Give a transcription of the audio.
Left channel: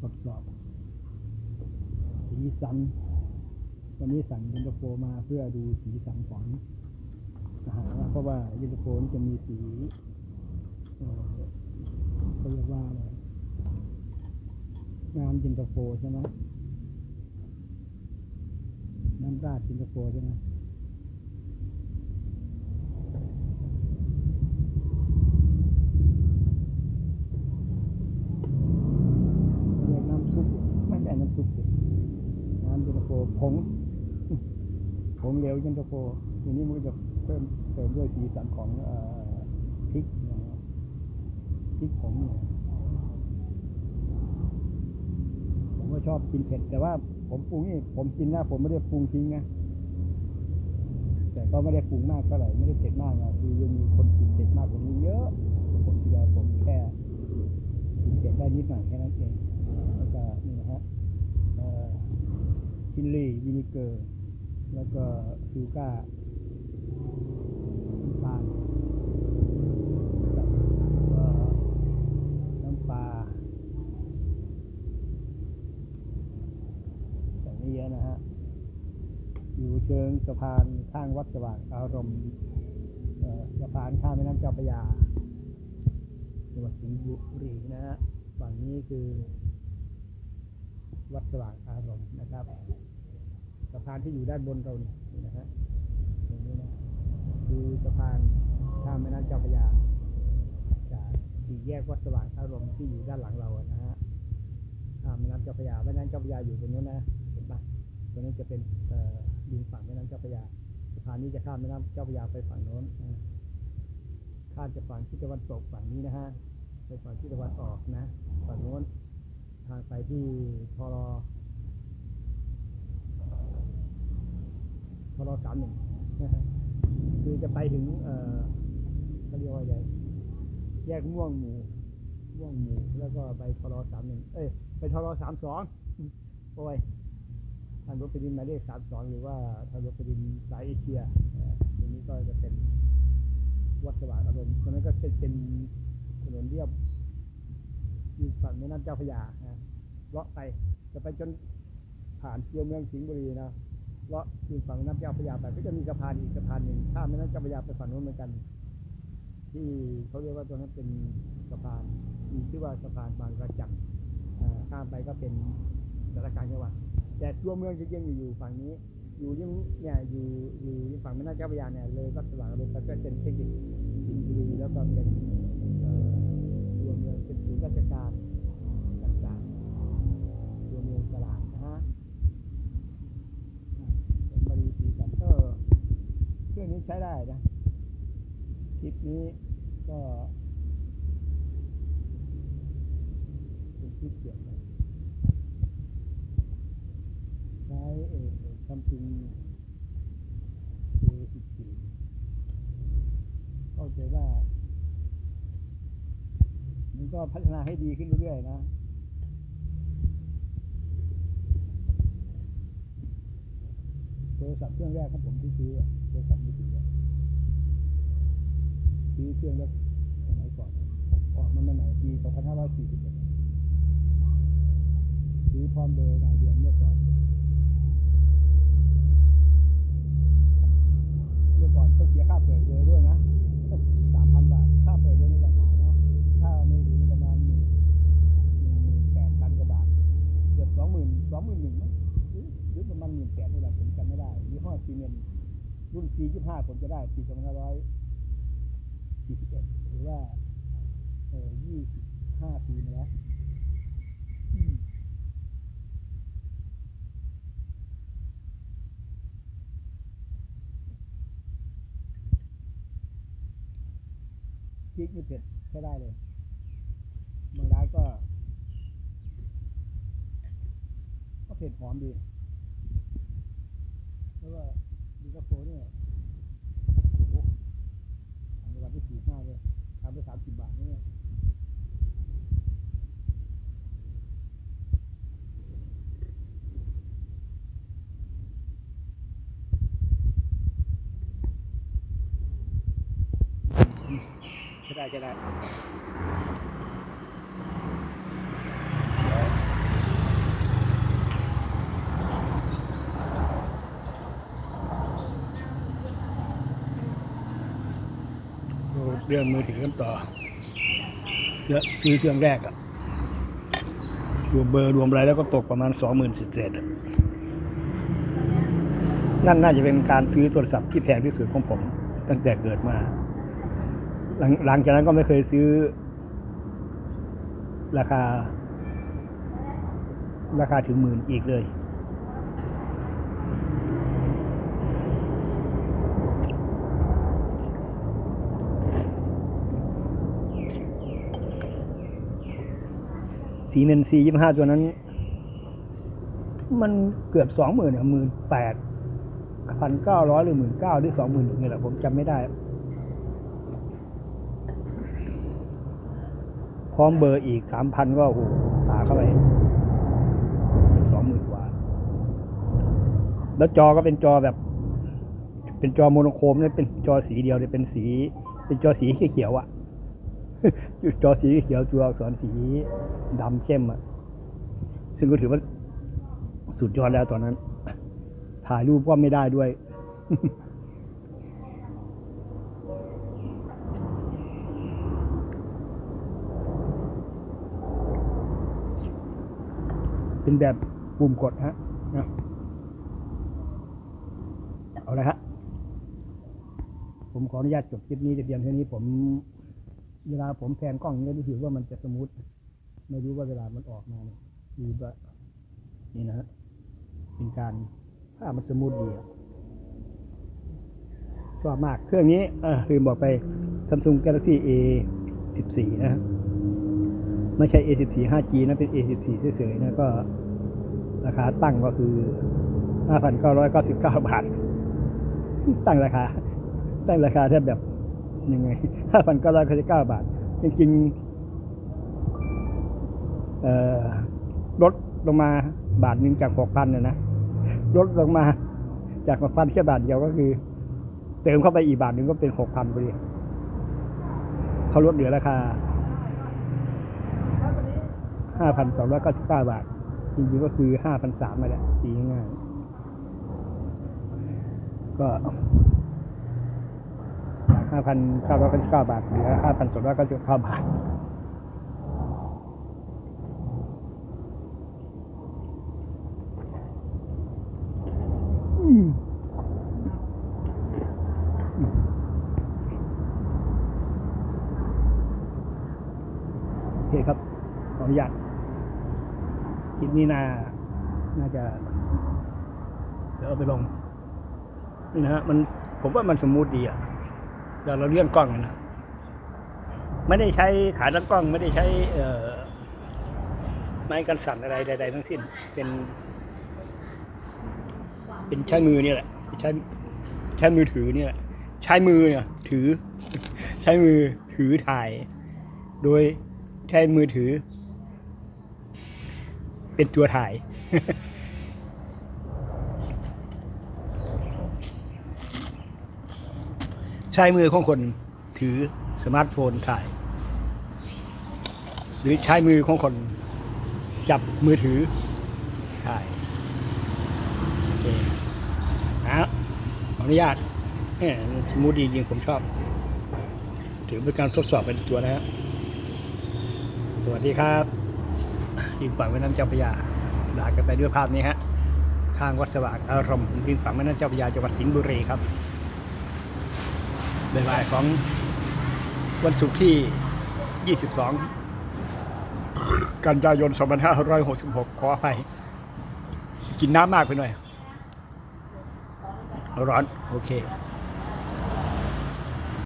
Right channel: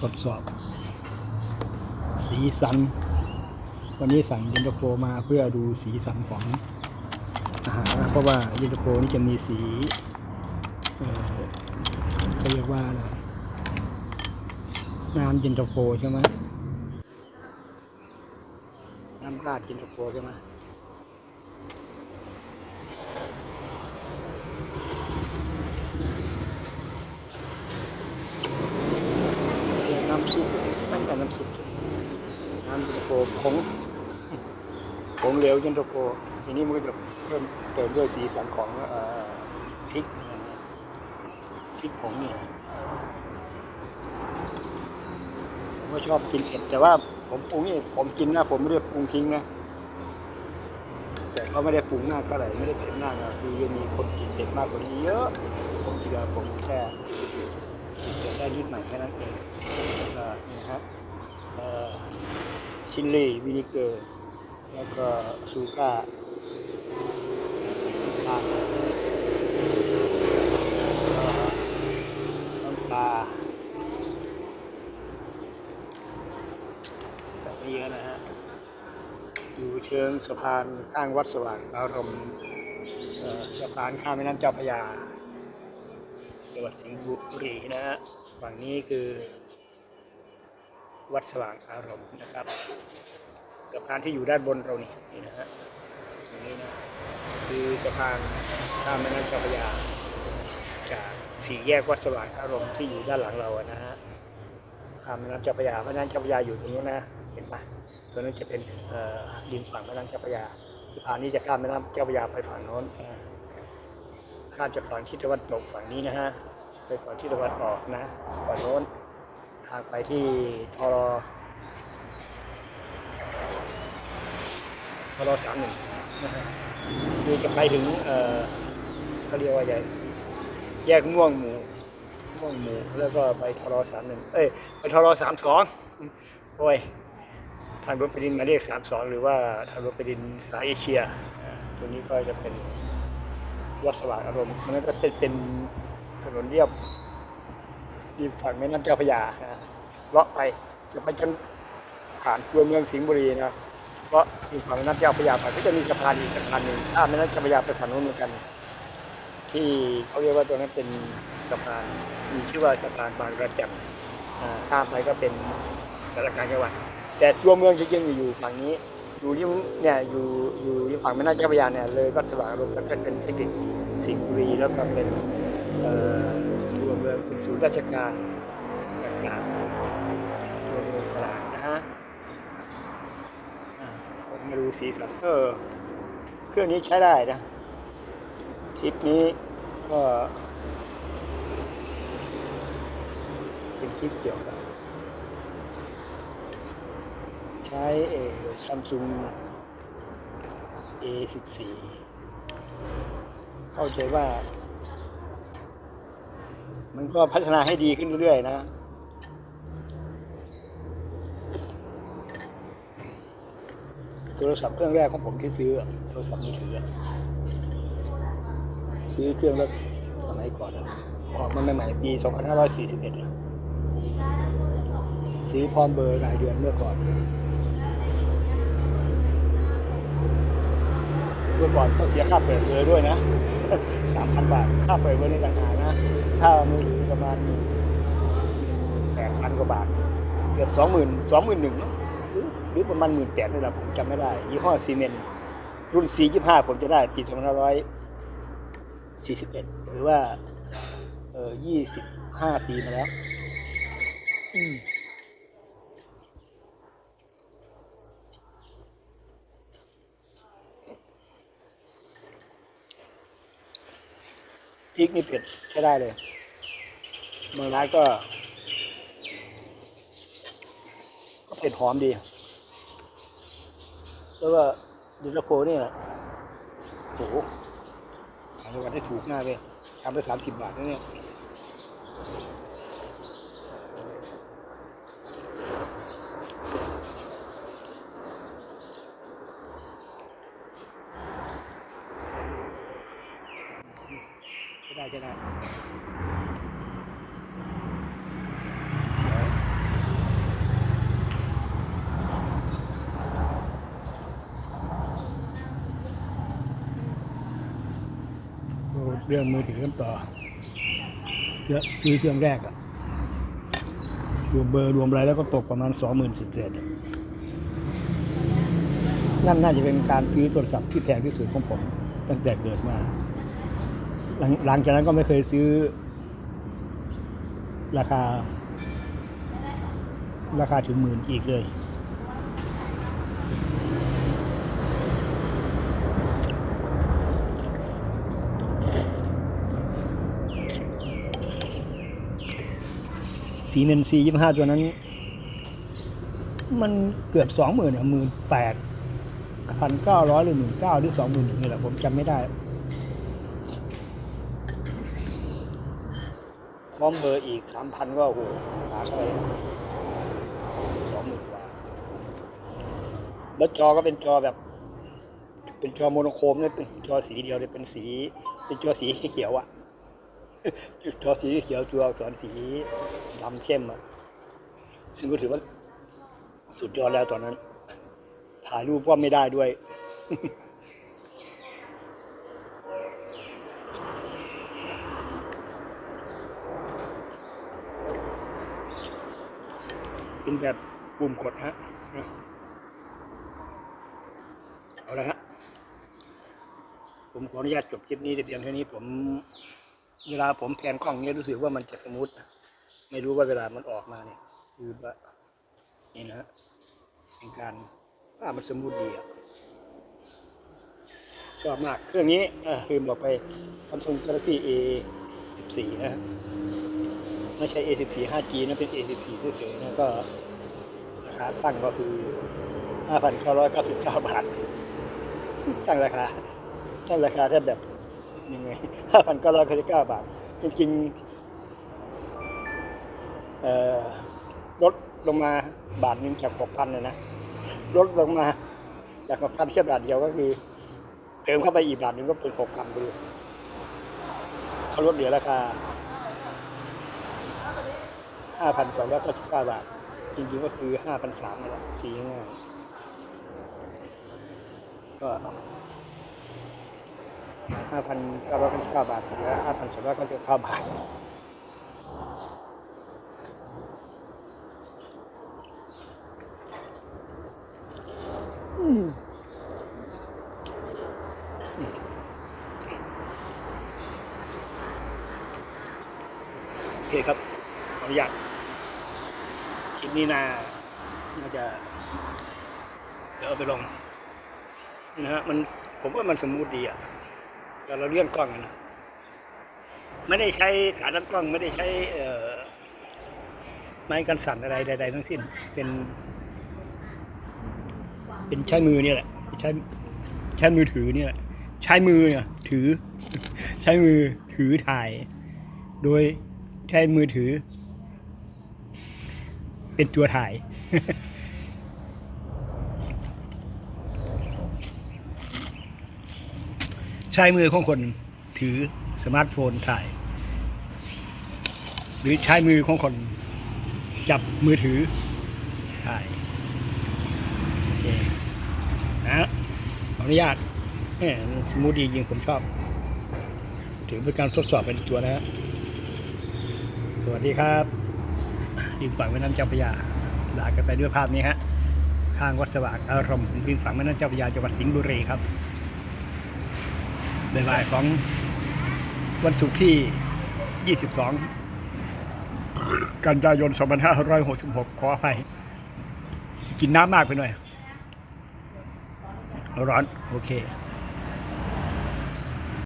ทดสอบ สีสัน วันนี้สั่งเย็นตาโฟมาเพื่อดูสีสันของอาหารนะเพราะว่าเย็นตาโฟนี่จะมีสีเขาเรียกว่าอะไรน้ำเย็นตาโฟใช่ไหมน้ำราดเย็นตาโฟใช่ไหมเรียก น้ำซุปไม่ใช่น้ำซุปน้ำเย็นตาโฟผงผงเหลวเย็นตาโฟทีนี้มันก็จะเพิ่มเติมด้วยสีสันของพริกพริกผงเนี่ยผมก็ชอบกินเผ็ด แต่ว่าผมปรุงนี่ผมกินนะผมไม่ได้ปรุงทิ้งนะแต่ก็ไม่ได้ปรุงมากเท่าไหร่ไม่ได้เผ็ดมากนะคือยังมีคนกินเผ็ดมากกว่านี้เยอะผมคิดว่าผมแค่กินเผ็ดได้นิดหน่อยแค่นั้นเอง นะครับชิลลี่วินิเกอร์ แล้วก็ซูก้าน้ำตาลแล้วก็น้ำปลาใส่ไม่เยอะนะฮะ อยู่เชิงสะพานข้างวัดสว่างอารมณ์สะพานข้ามแม่น้ำเจ้าพระยาจังหวัดสิงห์บุรีนะฮะฝั่งนี้คือ วัดสว่างอารมณ์นะครับสะพานที่อยู่ด้านบนเรานี่นี่นะฮะตรงนี้นะคือสะพานข้ามแม่น้ำเจ้าพระยาจากสี่แยกวัดสว่างอารมณ์ที่อยู่ด้านหลังเราอะนะฮะข้ามแม่น้ำเจ้าพระยาแม่น้ำเจ้าพระยาอยู่ตรงนู้นนะเห็นปะตรงนั้นจะเป็นเอ่อริมฝั่งแม่น้ำเจ้าพระยาสะพานนี้จะข้ามแม่น้ำเจ้าพระยาไปฝั่งโน้นข้ามจากฝั่งทิศตะวันตกฝั่งนี้นะฮะไปฝั่งทิศตะวันออกนะฝั่งโน้น ทางไปที่ทรทรสามหนึ่งนะฮะคือจะไปถึงเออเขาเรียกว่าใหญ่แยกม่วงหมูม่วงหมูแล้วก็ไปทรสามหนึ่งเอ้ยไปทรสามสองโอ้ยทางรถไฟดินมายเลขสามสองหรือว่าทางรถไฟดินสายเอเชียตัวนี้ก็จะเป็นวัดสว่างอารมณ์มันก็เป็นเป็นถนนเรียบ ริมฝั่งแม่น้ำเจ้าพระยานะเลาะไปจะไปจนผ่านตัวเมืองสิงห์บุรีนะเพราะมีฝั่งแม่น้ำเจ้าพระยาไปก็จะมีสะพานอีกสะพานหนึ่งข้ามแม่น้ำเจ้าพระยาไปฝั่งนู้นเหมือนกัน ที่เขาเรียกว่าตัวนั้นเป็นสะพานมีชื่อว่าสะพานบางระจันอ่าข้ามไปก็เป็นสารการจังหวัดแต่ตัวเมืองจริงๆอยู่ฝั่งนี้อยู่ริมเนี่ยอยู่อยู่ฝั่งแม่น้ำเจ้าพระยาเนี่ยเลยวัดสว่างอารมณ์แล้วก็เป็นเทคนิคสิงห์บุรีแล้วก็เป็นเอ่อ มืองเป็นศูนย์ราชการต่างๆตัวเมืองตลาดนะฮะผมมาดูสีสันเออเครื่องนี้ใช้ได้นะคลิปนี้ก็เป็นคลิปเกี่ยวกับใช้เอซัมซุง A14 เข้าใจว่า มันก็พัฒนาให้ดีขึ้นเรื่อยๆนะ โทรศัพท์เครื่องแรกของผมที่ซื้อ โทรศัพท์มือถือซื้อเครื่องแล้วสมัยก่อนออกมาใหม่ๆปี 2541อะซื้อพร้อมเบอร์รายเดือนเมื่อก่อน เมื่อก่อนต้องเสียค่าเปิดเบอร์ด้วยนะ 3,000 บาท ค่าเปิดเบอร์ในต่างหาก นะถ้ามือถือประมาณ8,000กว่าบาท เกือบ20,000 21,000เนอะหรือหรือประมาณหมื่นแปดนี่แหละผมจำไม่ได้ ยี่ห้อซีเมนต์รุ่น 425 ผมจะได้ปี2541 หรือว่า เออ25 ปีมาแล้ว พริกนี่เผ็ดใช้ได้เลยบางร้านก็ ก็เผ็ดหอมดี แล้วก็ดิลโคเนี่ยโอ้โหขายจังหวันได้ถูกมากเลยทำไปสามสิบบาทนะเนี่ย ก็ได้เรื่องมือถือกันต่อเยอะซื้อเครื่องแรกอะรวมเบอร์รวมอะไรแล้วก็ตกประมาณสองหมื่นสิบเศษนั่นน่าจะเป็นการซื้อโทรศัพท์ที่แพงที่สุดของผม ตั้งแต่เกิดมา หลังหลังจากนั้นก็ไม่เคยซื้อ ราคา ราคาถึงหมื่นอีกเลย สีเนนซียี่ห้าตัวนั้น มันเกือบสองหมื่นอะหมื่นแปดพันเก้าร้อยหรือหมื่นเก้าหรือสองหมื่นหนึ่งนี่แหละผมจำไม่ได้ ร้อมเบอร์อีกสามพันก็โอ้โหหาเข้าไปสองหมื่นกว่า แล้วจอก็เป็นจอแบบ เป็นจอโมโนโครมเนี่ยเป็นจอสีเดียวเนี่ยเป็นสี เป็นจอสีเขียวอะจอสีเขียวตัวอักษรสีดำเข้มอะซึ่งก็ถือว่าสุดยอดแล้วตอนนั้น ถ่ายรูปก็ไม่ได้ด้วย เป็นแบบปุ่มกดฮะเอาละฮะผมขออนุญาตจบคลิปนี้เพียงเท่านี้ผมเวลาผมแพนกล้องเนี่ยรู้สึกว่ามันจะสมูทไม่รู้ว่าเวลามันออกมาเนี่ยคือว่านี่นะฮะเป็นการภาพมันสมูทดีอะชอบมากเครื่องนี้เออลืมบอกไป Samsung Galaxy A 14 นะฮะ ไม่ใช่ A 14 5G นะเป็น A 14 เฉยๆนะก็ ราคาตั้งก็คือ 5,999 บาท ตั้งราคา ตั้งราคาแทบแบบยังไง 5,999 บาท จริงๆเอ่อลดลงมาบาทหนึ่งจาก 6,000นะนะลดลงมาจาก6,000แค่บาทเดียวก็คือ เติมเข้าไปอีกบาทหนึ่งก็เป็น 6,000ไปเลยเขาลดเหลือราคา 5,299 บาท จริงๆก็คือ 5,300นั่นแหละทีง่าย ก็5,999 บาท เหลือ 5,299 บาท โอเคครับ ขออนุญาต คลิปนี้น่าน่าจะ เดี๋ยวเอาไปลงนี่นะฮะมันผมว่ามันสมูทดีอะเราเราเลื่อนกล้องอะนะไม่ได้ใช้ขาตั้งกล้อง ไม่ได้ใช้ไม้กันสั่นอะไรใดๆทั้งสิ้น เป็น เป็นใช้มือเนี่ยแหละใช้ใช้มือถือเนี่ยแหละใช้มือเนี่ยถือ ใช้มือถือถ่าย โดยใช้มือถือ เป็นตัวถ่ายใช้มือของคนถือสมาร์ทโฟนถ่าย หรือใช้มือของคนจับมือถือถ่ายโอเคนะขออนุญาตมูดดีจริงผมชอบ ถือเป็นการทดสอบเป็นตัวนะฮะสวัสดีครับ ริมฝั่งแม่น้ำเจ้าพระยาลากันไปด้วยภาพนี้ฮะข้างวัดสว่างอารมณ์ริมฝั่งแม่น้ำเจ้าพระยาจังหวัดสิงห์บุรีครับบ่ายๆของวันศุกร์ที่ 22 กันยายน 2566 ขออภัย กินน้ำมากไปหน่อย ร้อน โอเค